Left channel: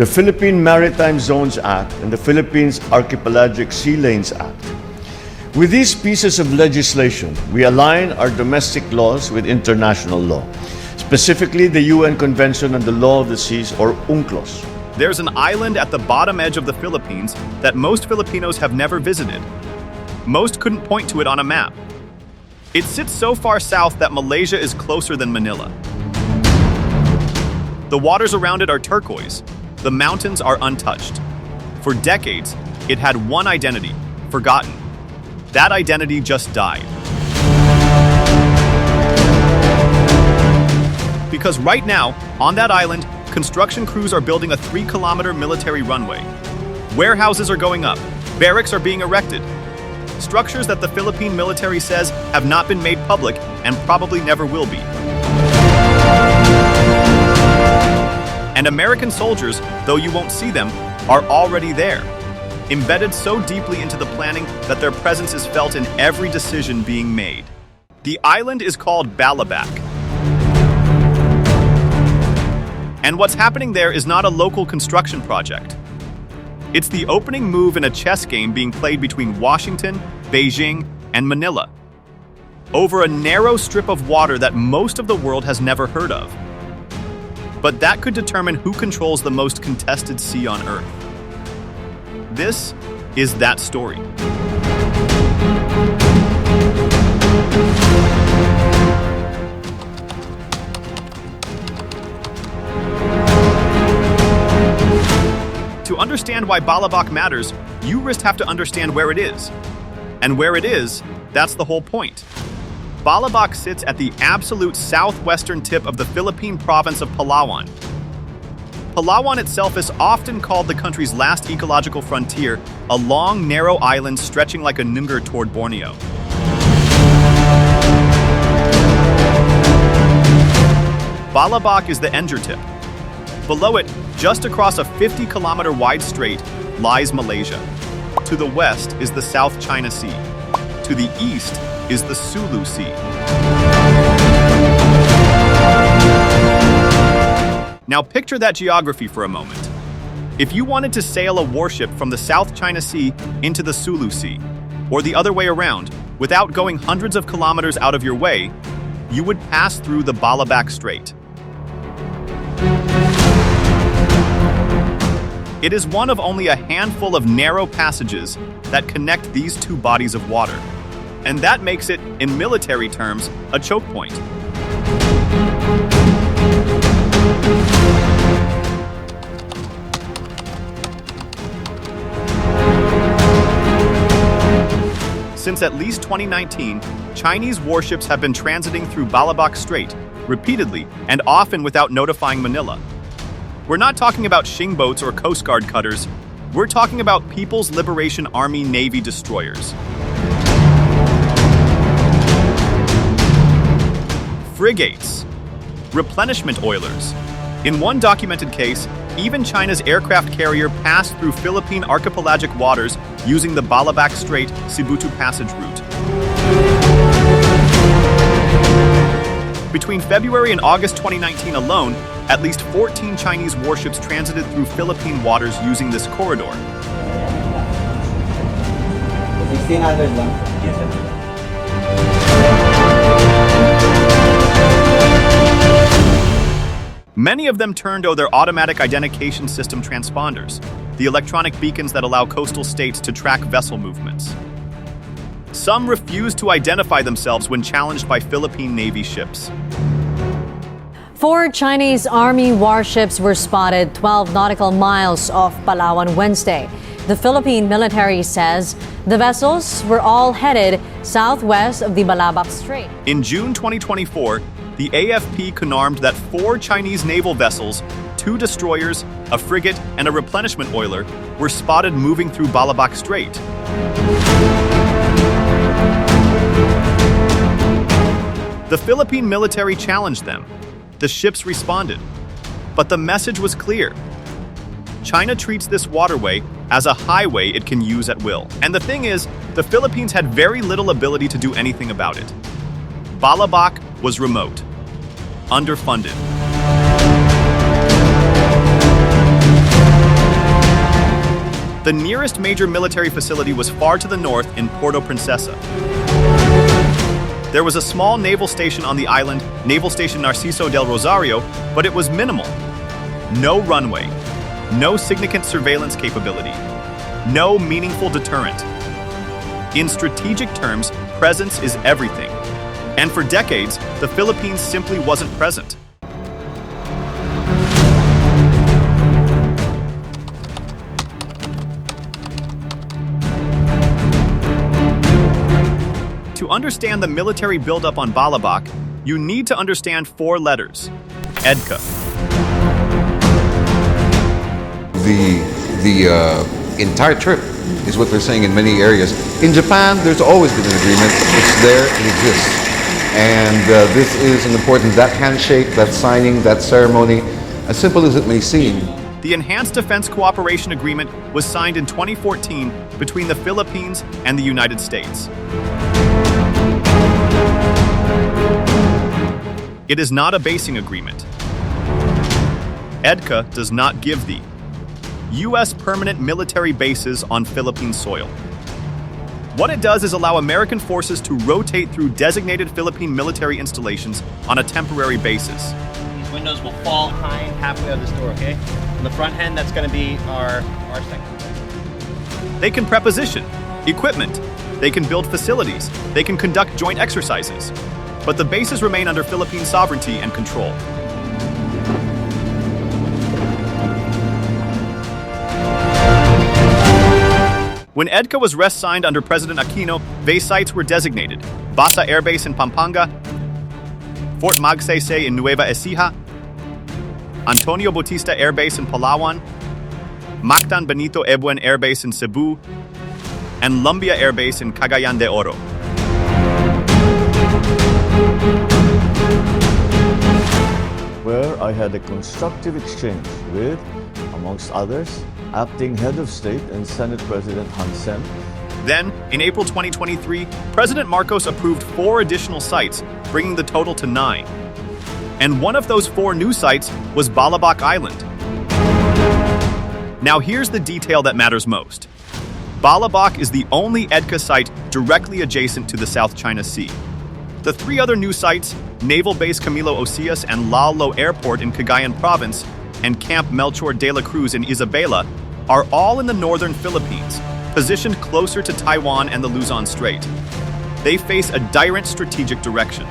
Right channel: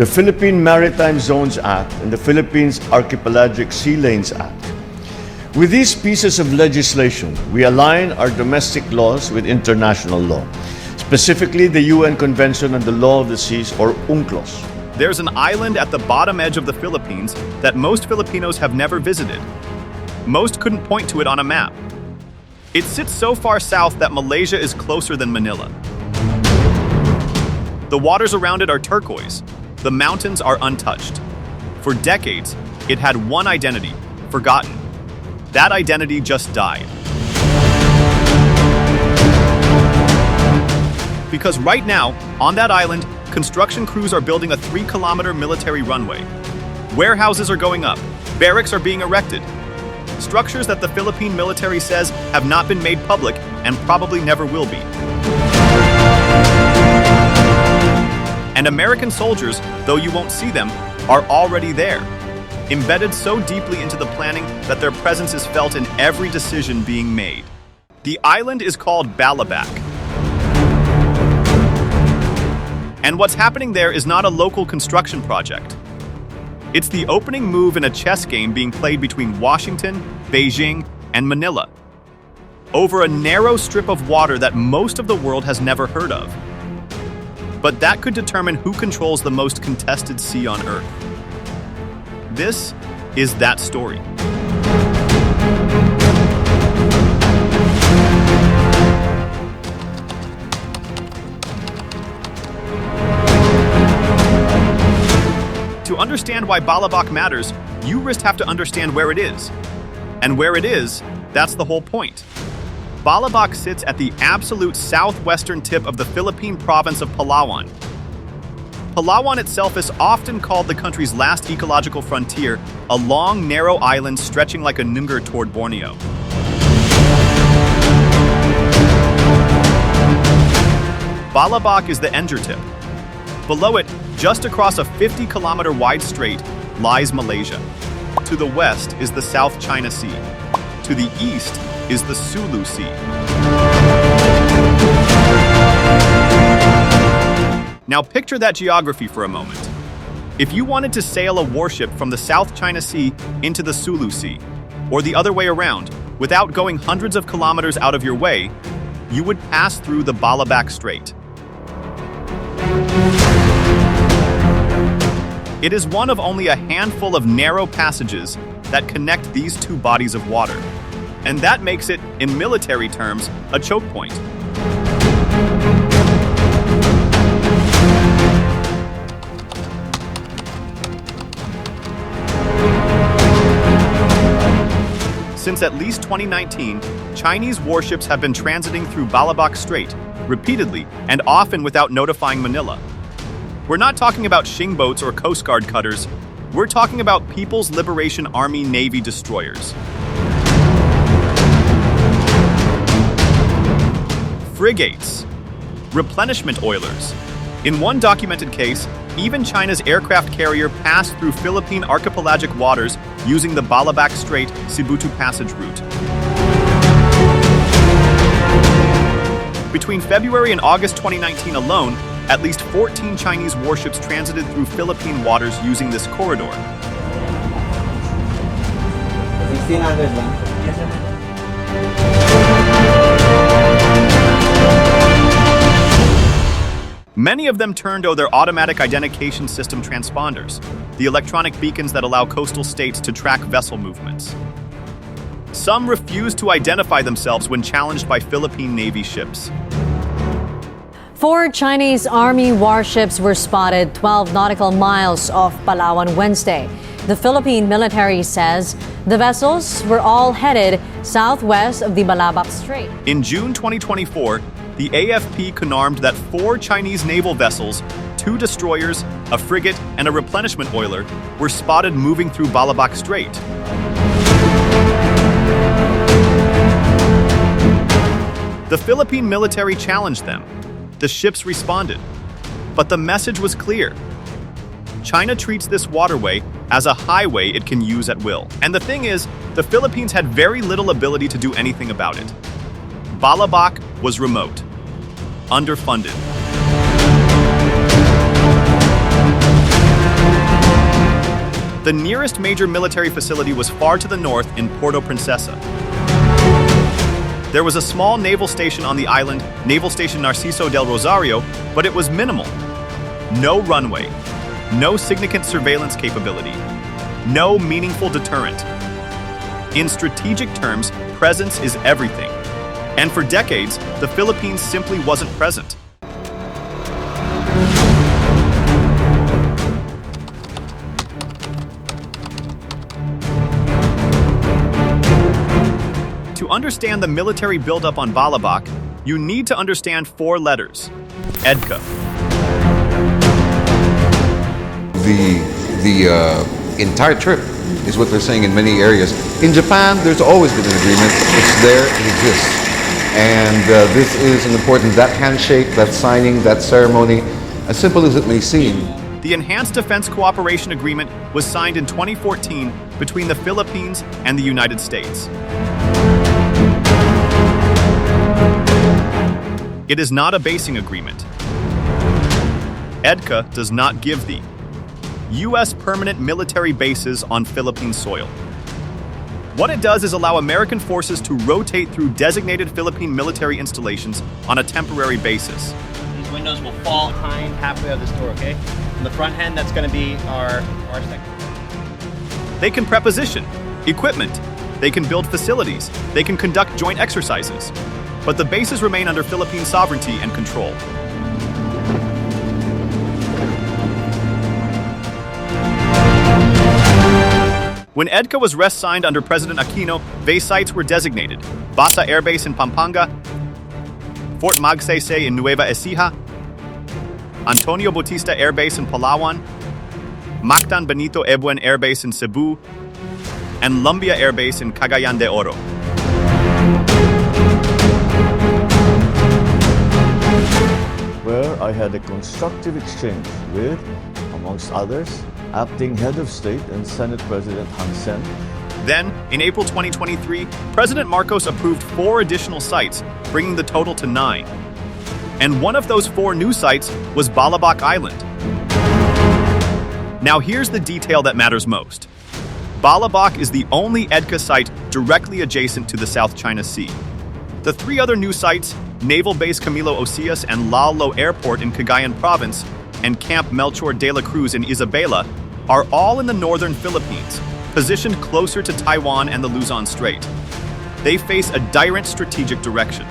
the Philippine Maritime Zones Act, and the Philippines Archipelagic Sea Lanes Act. With these pieces of legislation, we align our domestic laws with international law, specifically the UN Convention on the Law of the Seas, or UNCLOS. There's an island at the bottom edge of the Philippines that most Filipinos have never visited. Most couldn't point to it on a map. It sits so far south that Malaysia is closer than Manila. The waters around it are turquoise. The mountains are untouched. For decades, it had one identity, forgotten. That identity just died. Because right now, on that island, construction crews are building a 3-kilometer military runway. Warehouses are going up. Barracks are being erected. Structures that the Philippine military says have not been made public and probably never will be. And American soldiers, though you won't see them, are already there, embedded so deeply into the planning that their presence is felt in every decision being made. The island is called Balabac. And what's happening there is not a local construction project. It's the opening move in a chess game being played between Washington, Beijing, and Manila, over a narrow strip of water that most of the world has never heard of. But that could determine who controls the most contested sea on Earth. This is that story. To understand why Balabac matters, you first have to understand where it is. And where it is, that's the whole point. Balabac sits at the absolute southwestern tip of the Philippine province of Palawan. Palawan itself is often called the country's last ecological frontier, a long, narrow island stretching like a nungar toward Borneo. Balabac is the Enger tip. Below it, just across a 50-kilometer wide strait, lies Malaysia. To the west is the South China Sea. To the east is the Sulu Sea. Now picture that geography for a moment. If you wanted to sail a warship from the South China Sea into the Sulu Sea, or the other way around, without going hundreds of kilometers out of your way, you would pass through the Balabac Strait. It is one of only a handful of narrow passages that connect these two bodies of water. And that makes it, in military terms, a choke point. Since at least 2019, Chinese warships have been transiting through Balabac Strait repeatedly and often without notifying Manila. We're not talking about Xing boats or Coast Guard cutters. We're talking about People's Liberation Army Navy destroyers. Frigates. Replenishment oilers. In one documented case, even China's aircraft carrier passed through Philippine archipelagic waters using the Balabac Strait Sibutu Passage route. Between February and August 2019 alone, at least 14 Chinese warships transited through Philippine waters using this corridor. 1600 lang. Yes, sir. Many of them turned to their automatic identification system transponders, the electronic beacons that allow coastal states to track vessel movements. Some refused to identify themselves when challenged by Philippine Navy ships. 4 Chinese Army warships were spotted 12 nautical miles off Palawan Wednesday. The Philippine military says the vessels were all headed southwest of the Balabac Strait. In June 2024, the AFP confirmed that 4 Chinese naval vessels, 2 destroyers, a frigate, and a replenishment oiler were spotted moving through Balabac Strait. The Philippine military challenged them. The ships responded. But the message was clear. China treats this waterway as a highway it can use at will. And the thing is, the Philippines had very little ability to do anything about it. Balabac was remote, underfunded. The nearest major military facility was far to the north in Puerto Princesa. There was a small naval station on the island, Naval Station Narciso del Rosario, but it was minimal. No runway, no significant surveillance capability, no meaningful deterrent. In strategic terms, presence is everything. And for decades, the Philippines simply wasn't present. To understand the military buildup on Balabac, you need to understand 4 letters: EDCA. The entire trip is what they're saying in many areas. In Japan, there's always been an agreement. It's there, it exists. And this is an important, that handshake, that signing, that ceremony, as simple as it may seem. The Enhanced Defense Cooperation Agreement was signed in 2014 between the Philippines and the United States. It is not a basing agreement. EDCA does not give the U.S. permanent military bases on Philippine soil. What it does is allow American forces to rotate through designated Philippine military installations on a temporary basis. These windows will fall behind halfway of this door, okay? On the front end, that's going to be our sector. They can preposition equipment. They can build facilities. They can conduct joint exercises. But the bases remain under Philippine sovereignty and control. When EDCA was signed under President Aquino, base sites were designated: Basa Air Base in Pampanga, Fort Magsaysay in Nueva Ecija, Antonio Bautista Air Base in Palawan, Mactan Benito Ebuen Air Base in Cebu, and Lumbia Air Base in Cagayan de Oro. Where I had a constructive exchange with, amongst others, Acting Head of State and Senate President Hun Sen. Then, in April 2023, President Marcos approved 4 additional sites, bringing the total to 9. And one of those 4 new sites was Balabac Island. Now here's the detail that matters most. Balabac is the only EDCA site directly adjacent to the South China Sea. The 3 other new sites, Naval Base Camilo Ocias and Lalo Airport in Cagayan Province, and Camp Melchor de la Cruz in Isabela, are all in the northern Philippines, positioned closer to Taiwan and the Luzon Strait. They face a direct strategic direction.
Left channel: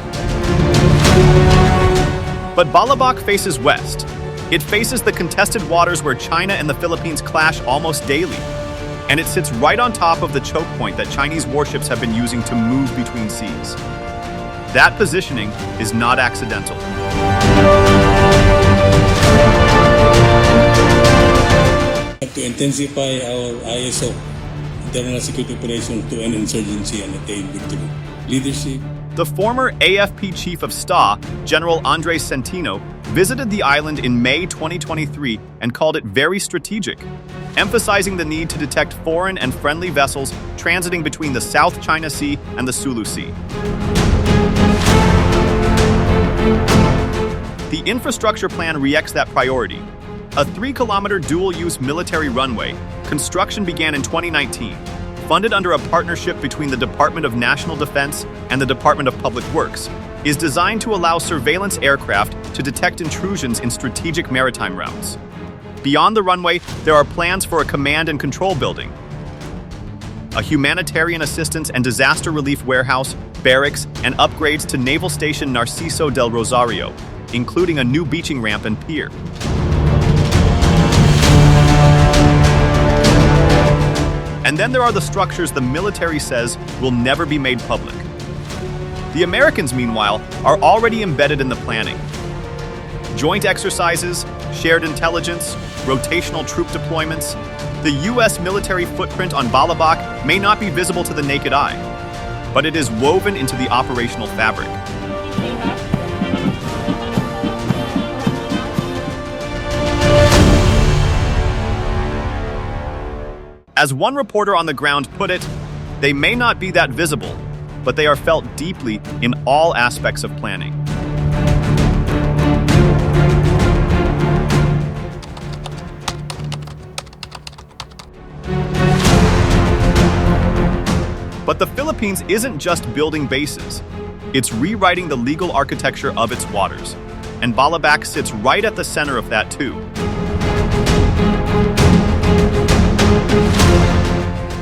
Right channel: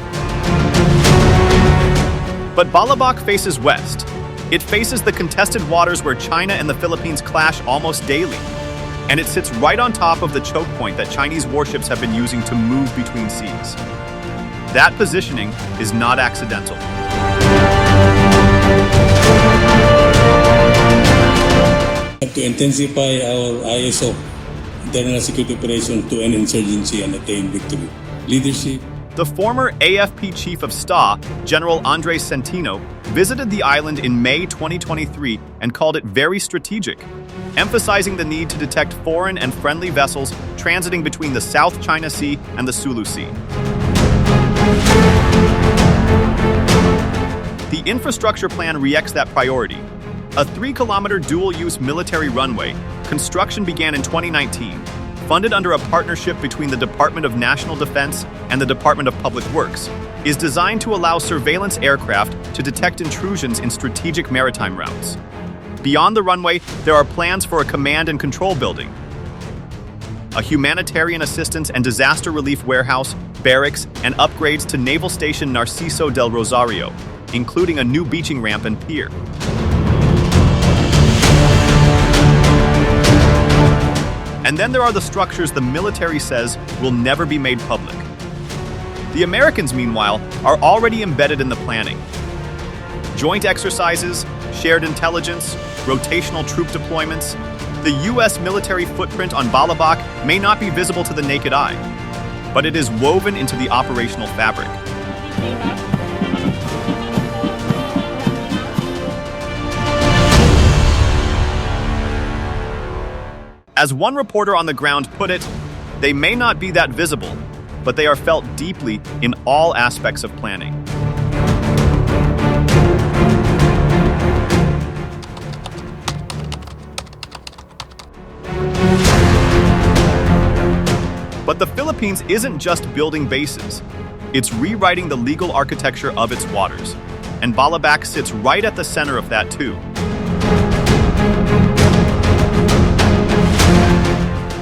But Balabac faces west. It faces the contested waters where China and the Philippines clash almost daily. And it sits right on top of the choke point that Chinese warships have been using to move between seas. That positioning is not accidental. To intensify our ISO, internal security operation, to end insurgency and attain victory. Leadership. The former AFP Chief of Staff, General Andres Centino, visited the island in May 2023 and called it very strategic, emphasizing the need to detect foreign and friendly vessels transiting between the South China Sea and the Sulu Sea. The infrastructure plan reacts that priority. A 3-kilometer dual-use military runway, construction began in 2019, funded under a partnership between the Department of National Defense and the Department of Public Works, is designed to allow surveillance aircraft to detect intrusions in strategic maritime routes. Beyond the runway, there are plans for a command and control building, a humanitarian assistance and disaster relief warehouse, barracks, and upgrades to Naval Station Narciso del Rosario, including a new beaching ramp and pier. And then there are the structures the military says will never be made public. The Americans, meanwhile, are already embedded in the planning. Joint exercises, shared intelligence, rotational troop deployments. The U.S. military footprint on Balabac may not be visible to the naked eye, but it is woven into the operational fabric. As one reporter on the ground put it, they may not be that visible, but they are felt deeply in all aspects of planning. But the Philippines isn't just building bases. It's rewriting the legal architecture of its waters. And Balabac sits right at the center of that too.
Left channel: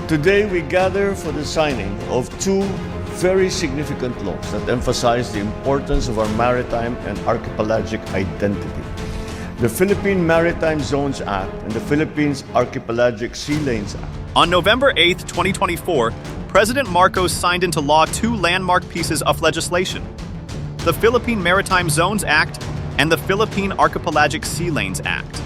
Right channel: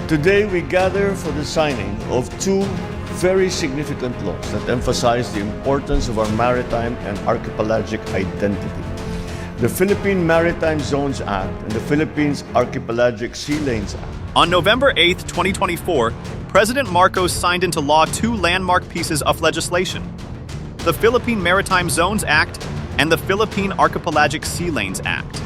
Today we gather for the signing of two very significant laws that emphasize the importance of our maritime and archipelagic identity. The Philippine Maritime Zones Act and the Philippines Archipelagic Sea Lanes Act. On November 8, 2024, President Marcos signed into law two landmark pieces of legislation: the Philippine Maritime Zones Act and the Philippine Archipelagic Sea Lanes Act.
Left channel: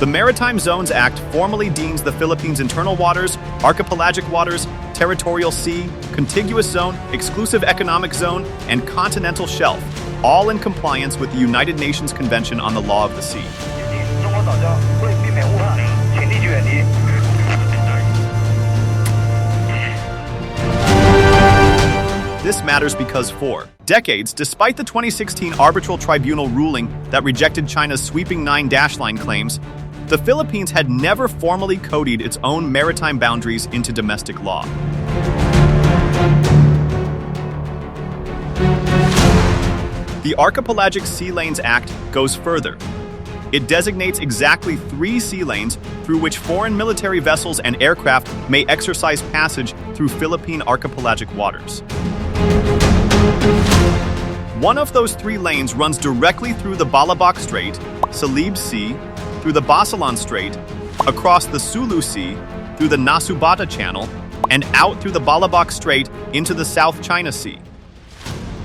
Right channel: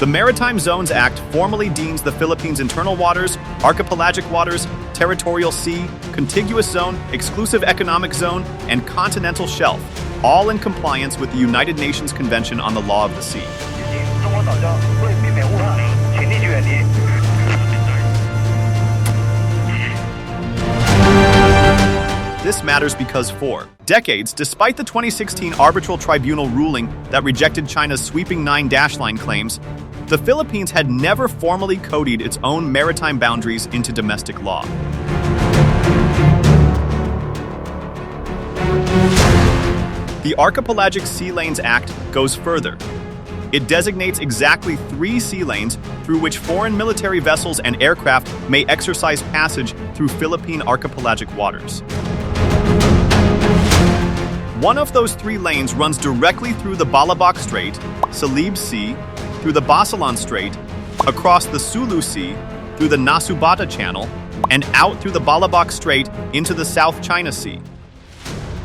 The Maritime Zones Act formally deems the Philippines' internal waters, archipelagic waters, territorial sea, contiguous zone, exclusive economic zone, and continental shelf, all in compliance with the United Nations Convention on the Law of the Sea. This matters because for decades, despite the 2016 arbitral tribunal ruling that rejected China's sweeping 9-line claims, the Philippines had never formally codied its own maritime boundaries into domestic law. The Archipelagic Sea Lanes Act goes further. It designates exactly 3 sea lanes through which foreign military vessels and aircraft may exercise passage through Philippine archipelagic waters. One of those 3 lanes runs directly through the Balabac Strait, Salib Sea, through the Basilan Strait, across the Sulu Sea, through the Nasubata Channel, and out through the Balabac Strait into the South China Sea.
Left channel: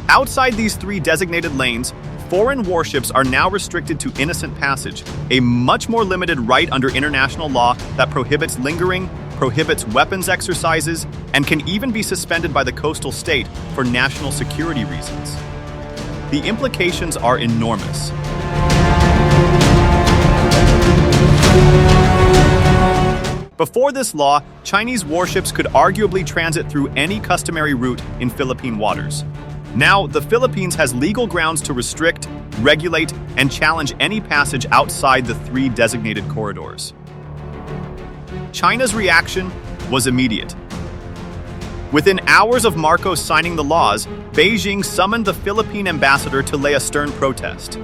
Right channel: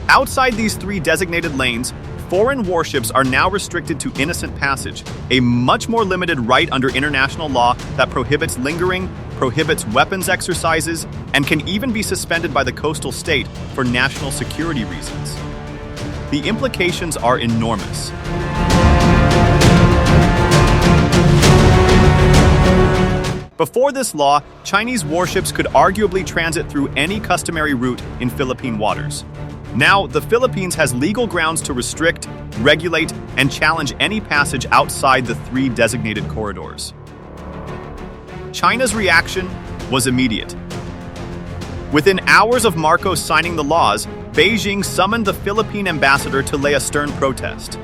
Outside these 3 designated lanes, foreign warships are now restricted to innocent passage, a much more limited right under international law that prohibits lingering, prohibits weapons exercises, and can even be suspended by the coastal state for national security reasons. The implications are enormous. Before this law, Chinese warships could arguably transit through any customary route in Philippine waters. Now, the Philippines has legal grounds to restrict, regulate, and challenge any passage outside the 3 designated corridors. China's reaction was immediate. Within hours of Marcos signing the laws, Beijing summoned the Philippine ambassador to lay a stern protest.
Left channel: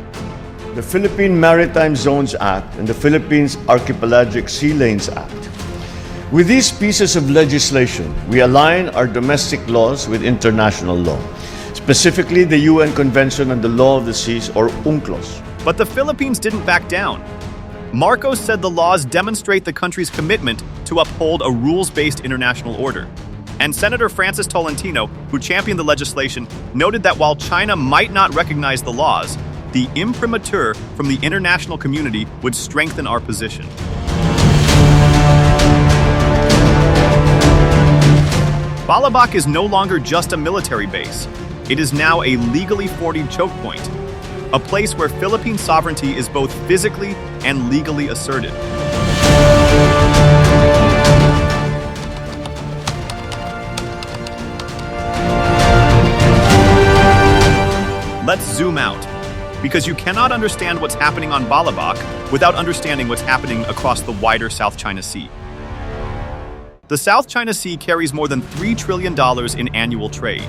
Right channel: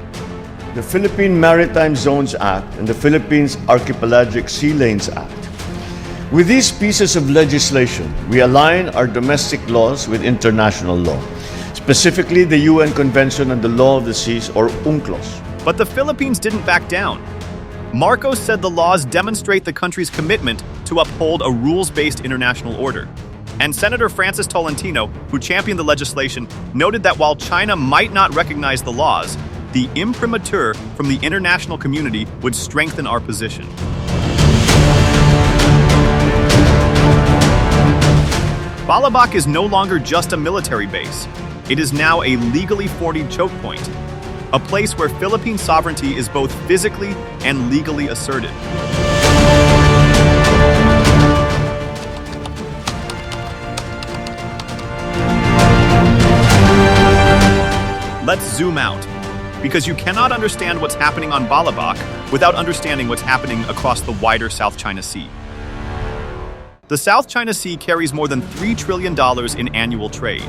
The Philippine Maritime Zones Act and the Philippines Archipelagic Sea Lanes Act. With these pieces of legislation, we align our domestic laws with international law, specifically the UN Convention on the Law of the Seas, or UNCLOS. But the Philippines didn't back down. Marcos said the laws demonstrate the country's commitment to uphold a rules-based international order. And Senator Francis Tolentino, who championed the legislation, noted that while China might not recognize the laws, the imprimatur from the international community would strengthen our position. Balabac is no longer just a military base. It is now a legally forded choke point, a place where Philippine sovereignty is both physically and legally asserted. Let's zoom out, because you cannot understand what's happening on Balabac without understanding what's happening across the wider South China Sea. The South China Sea carries more than $3 trillion in annual trade.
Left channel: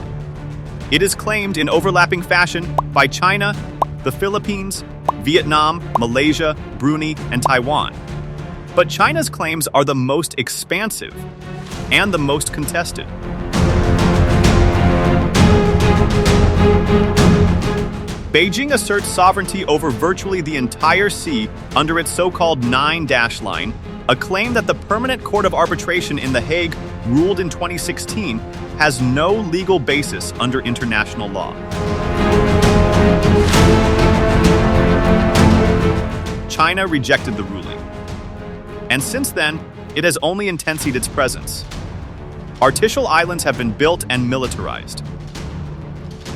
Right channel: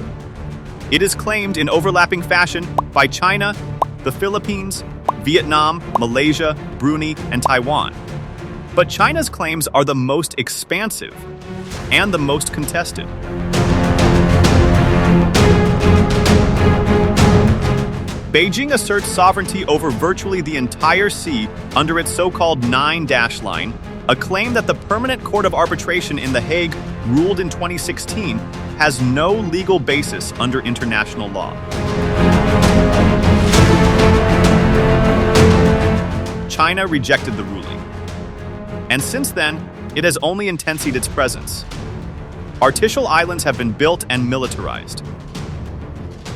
It is claimed in overlapping fashion by China, the Philippines, Vietnam, Malaysia, Brunei, and Taiwan. But China's claims are the most expansive and the most contested. Beijing asserts sovereignty over virtually the entire sea under its so-called 9-line, a claim that the Permanent Court of Arbitration in The Hague ruled in 2016 has no legal basis under international law. China rejected the ruling. And since then, it has only intensified its presence. Artificial islands have been built and militarized.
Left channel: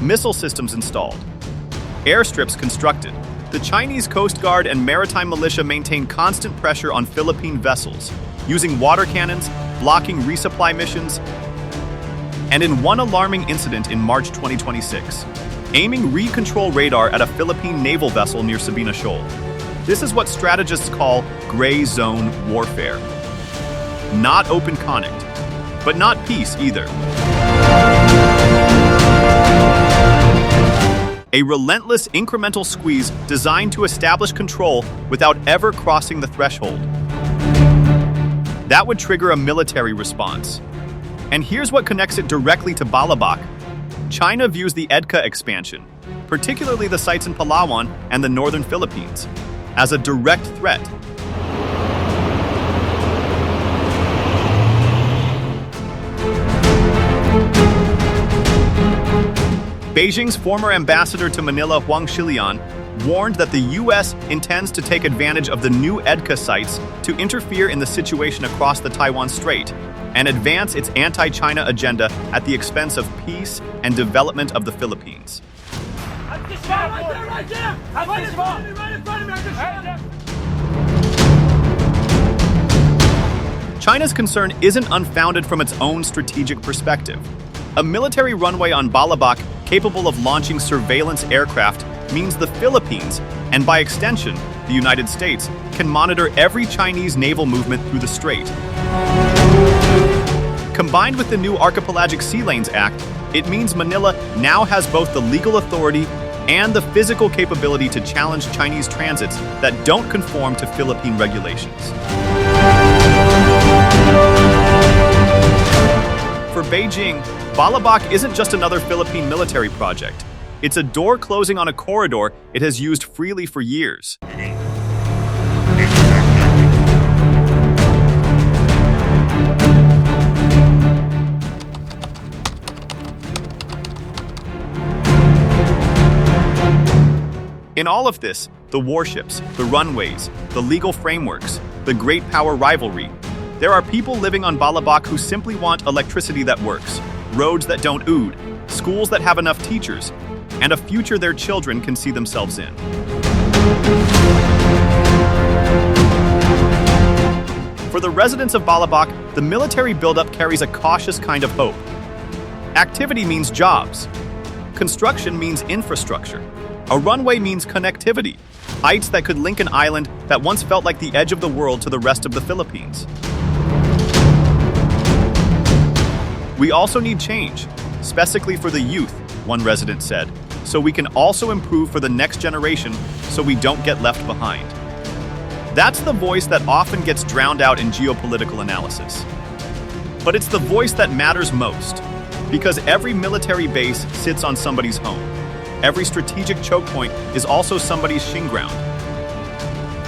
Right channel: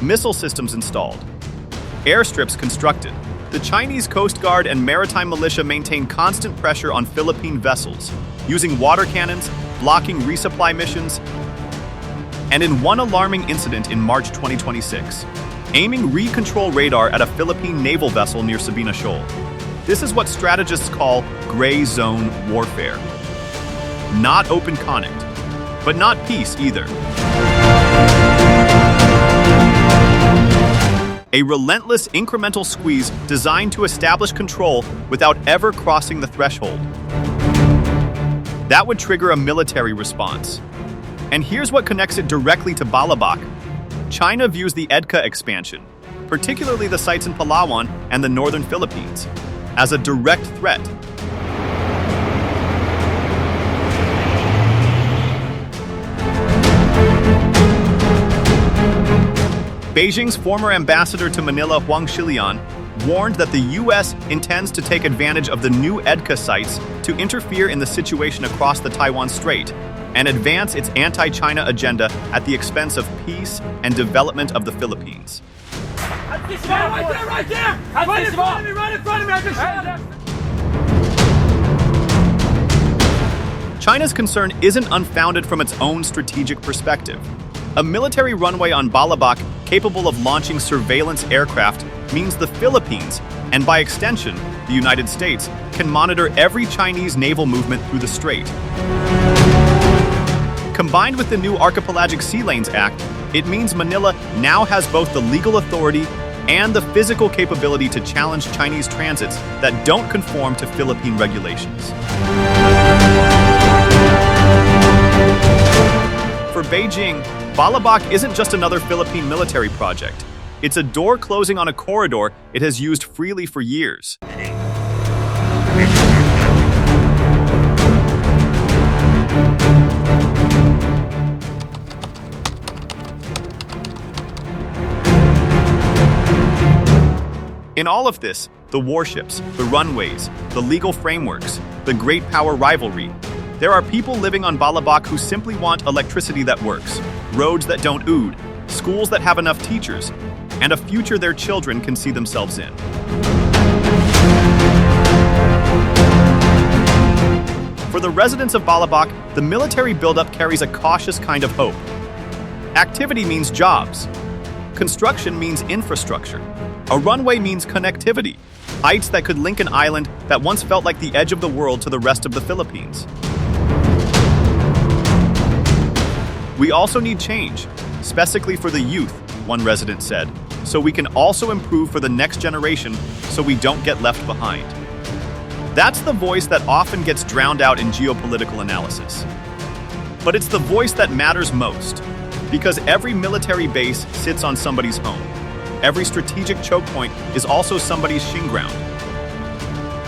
Missile systems installed. Airstrips constructed. The Chinese Coast Guard and maritime militia maintain constant pressure on Philippine vessels, using water cannons, blocking resupply missions, and in one alarming incident in March 2026, aiming recontrol radar at a Philippine naval vessel near Sabina Shoal. This is what strategists call gray zone warfare. not open conflict, but not peace either. A relentless incremental squeeze designed to establish control without ever crossing the threshold. That would trigger a military response. And here's what connects it directly to Balabac. China views the EDCA expansion, particularly the sites in Palawan and the northern Philippines, as a direct threat. Beijing's former ambassador to Manila, Huang Shilian, warned that the U.S. intends to take advantage of the new EDCA sites to interfere in the situation across the Taiwan Strait and advance its anti-China agenda at the expense of peace and development of the Philippines. Right there! Right in front of me! Right in front of me! I just shot him! China's concern isn't unfounded from its own strategic perspective. A military runway on Balabac capable of launching surveillance aircraft means the Philippines, and by extension, the United States, can monitor every Chinese naval movement through the strait. Combined with the new Archipelagic Sea Lanes Act, it means Manila now has both the legal authority and the physical capability to challenge Chinese transits that don't conform to Philippine regulations. For Beijing, Balabac isn't just another Philippine military project. It's a door closing on a corridor it has used freely for years. In all of this, the warships, the runways, the legal frameworks, the great power rivalry, there are people living on Balabac who simply want electricity that works, roads that don't ood, schools that have enough teachers, and a future their children can see themselves in. For the residents of Balabac, the military buildup carries a cautious kind of hope. Activity means jobs. Construction means infrastructure. A runway means connectivity, heights that could link an island that once felt like the edge of the world to the rest of the Philippines. We also need change, specifically for the youth, one resident said, so we can also improve for the next generation so we don't get left behind. That's the voice that often gets drowned out in geopolitical analysis. But it's the voice that matters most, because every military base sits on somebody's home. Every strategic choke point is also somebody's shin ground.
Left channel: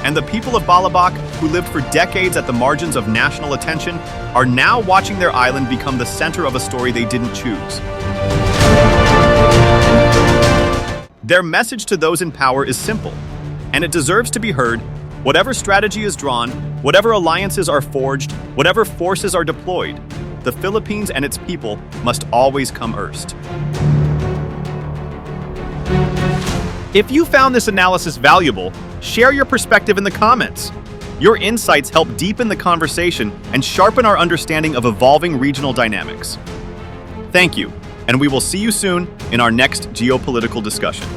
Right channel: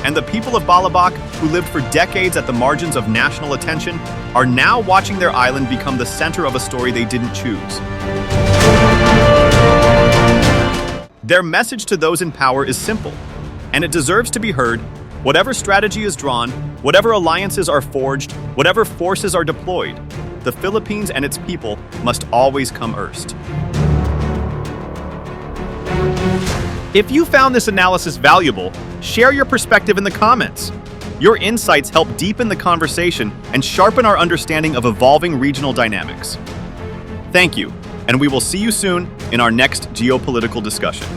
And the people of Balabac, who lived for decades at the margins of national attention, are now watching their island become the center of a story they didn't choose. Their message to those in power is simple, and it deserves to be heard. Whatever strategy is drawn, whatever alliances are forged, whatever forces are deployed, the Philippines and its people must always come first. If you found this analysis valuable, share your perspective in the comments. Your insights help deepen the conversation and sharpen our understanding of evolving regional dynamics. Thank you, and we will see you soon in our next geopolitical discussion.